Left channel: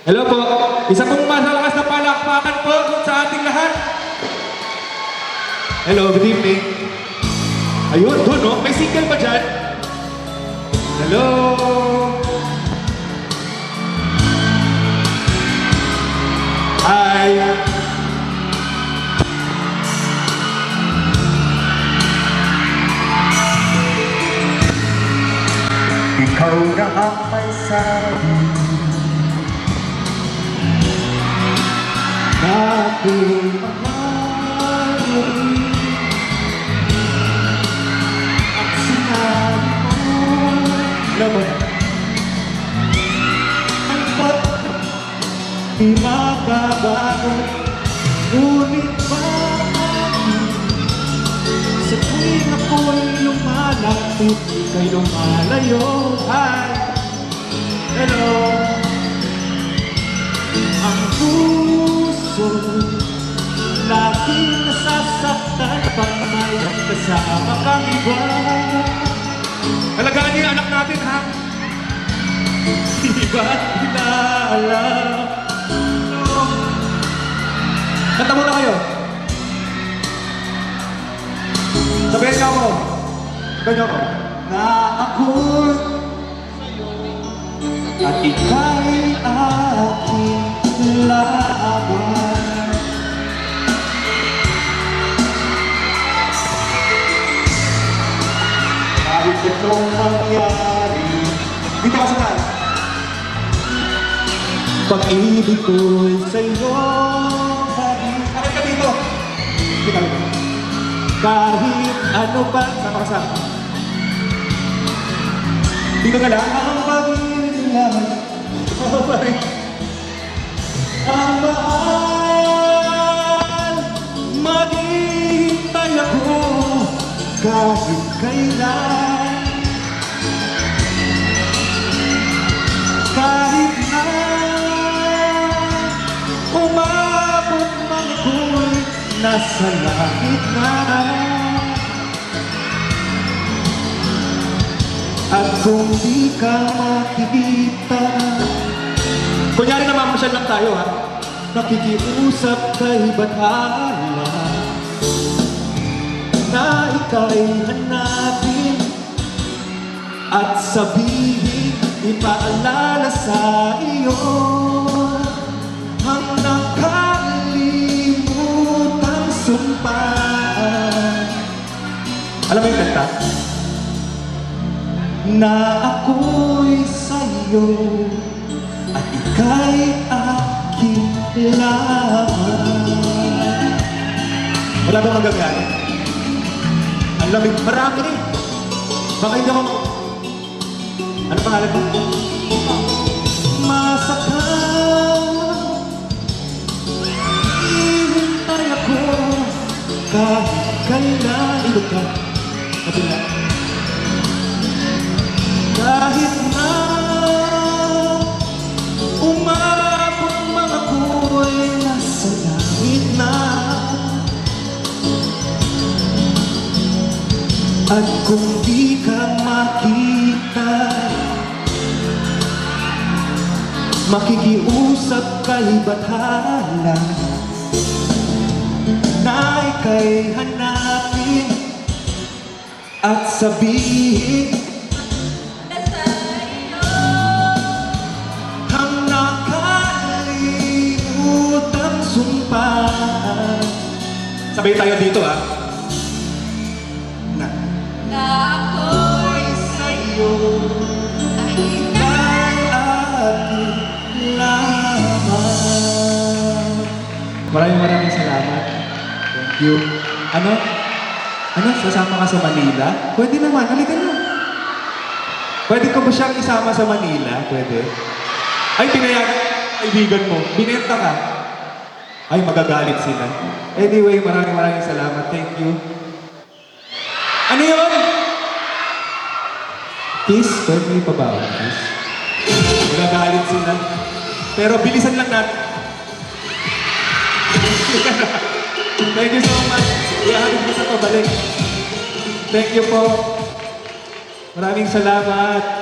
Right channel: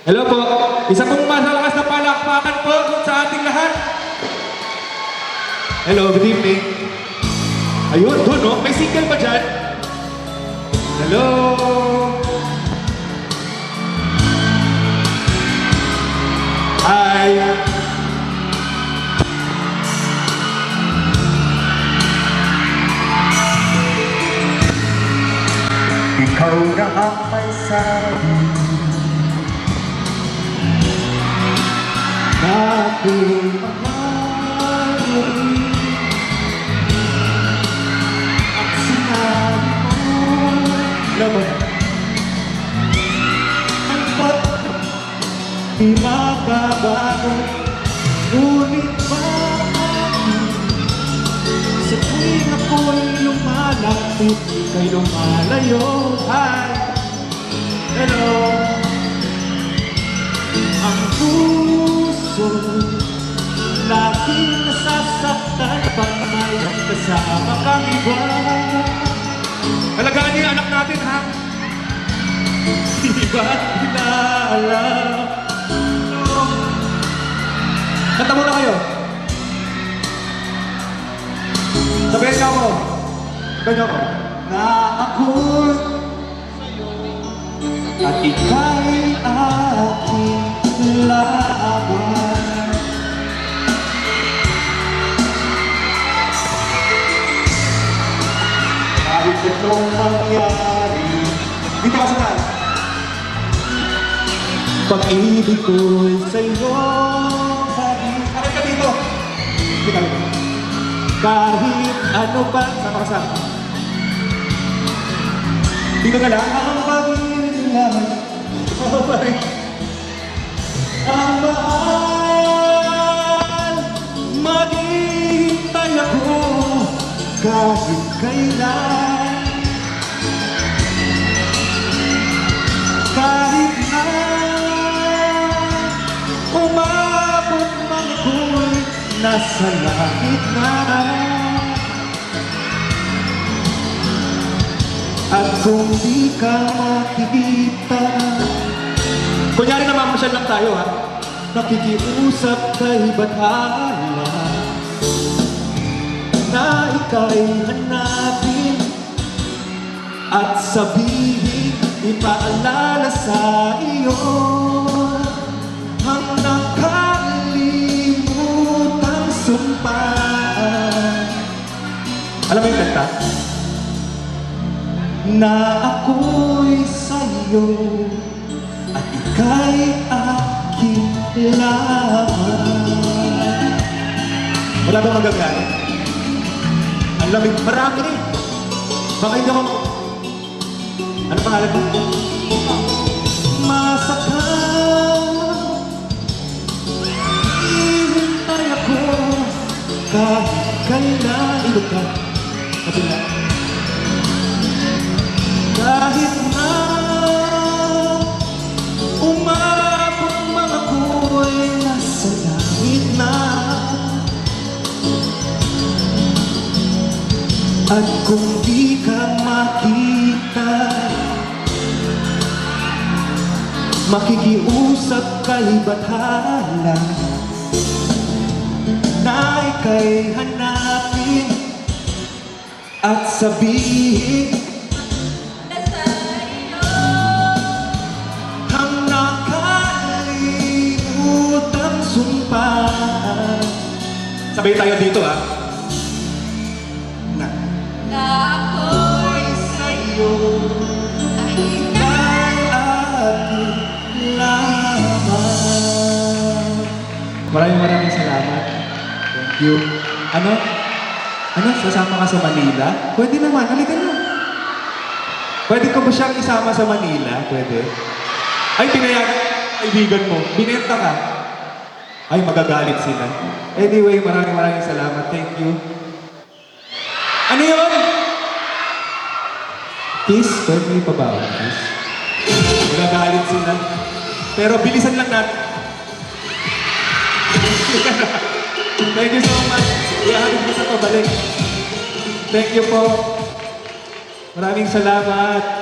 Hello po. Isa pong masalakas na palakpakan po sa ating lahat. Hello, good evening. Ayun, doon no? May single ba dyan? Hello. Hi. Ikaw na ang may sabi na ako'y mahal. Ang sinabi ko naman ang mababago, ngunit bakit sa tuwing ako'y lumalapit, ika'y lumalayo. Hi! Hello! Ang puso laging nasasaktan pag may kasama kang iba. Alagaan niyo yung anak natin, ha? Di ba kilala? Kanta muna kayo. Sabihin niyo ako. Sabihin niyo ako. Na ako'y at ika'y aking laban. Kahit itong mangyari, dito ka saan? Pag-ibig ko'y sa'yo. Bakit ka dito? Dito ka. Kahit ano ba? Saan ka saan? Dito ka lang? Ang pag-ibig naman. Oh, pare. Ang mahal, maghihintay ako kahit kailan. Kahit na umabot na ako'y nasa langit mo. Kunyari naman, masyad lang tayo ha. Nakikipusap ka ni Batman na ika'y hanapin at sabihin paalala sa iyo hanggang kalimutan ang sumpaan. Alam mo yung kanta? Na ako'y sa'yo at ika'y aking laban. Wala ba magagamit? Ang lamig. Marami rin. Baka hindi ako... Ano pangalan mo? Masakal, hihintay ako kahit kailan. Ilog ka. Kabila. Kahit na umabot mga ako'y nasa langit na. At kung di ka makita, makikiusap kay bathala na ika'y hanapin at sabihin hanggang kalimutan sumpaan. Sabay tayo dito, ha? Na ako'y sa'yo ay aking laban. Maraming salamat. Thank you. Ano? Ano? Sasama ka sa Manila? Pwede naman. Halika na. Pwede ko ba siyang isama sa Manila? Pwede. Ay, pinayagan kaibigan mo. Binenta ka. Ay, magagalit sila. Anyway, maraming salamat. Thank you. Ano yun? Kiss? Pwede mo ipabawa, kiss? Magagalit sila. Pero bilisan lang natin. Thank you so much. Ihahalin ko sa pabalik. Thank you po. Maraming salamat.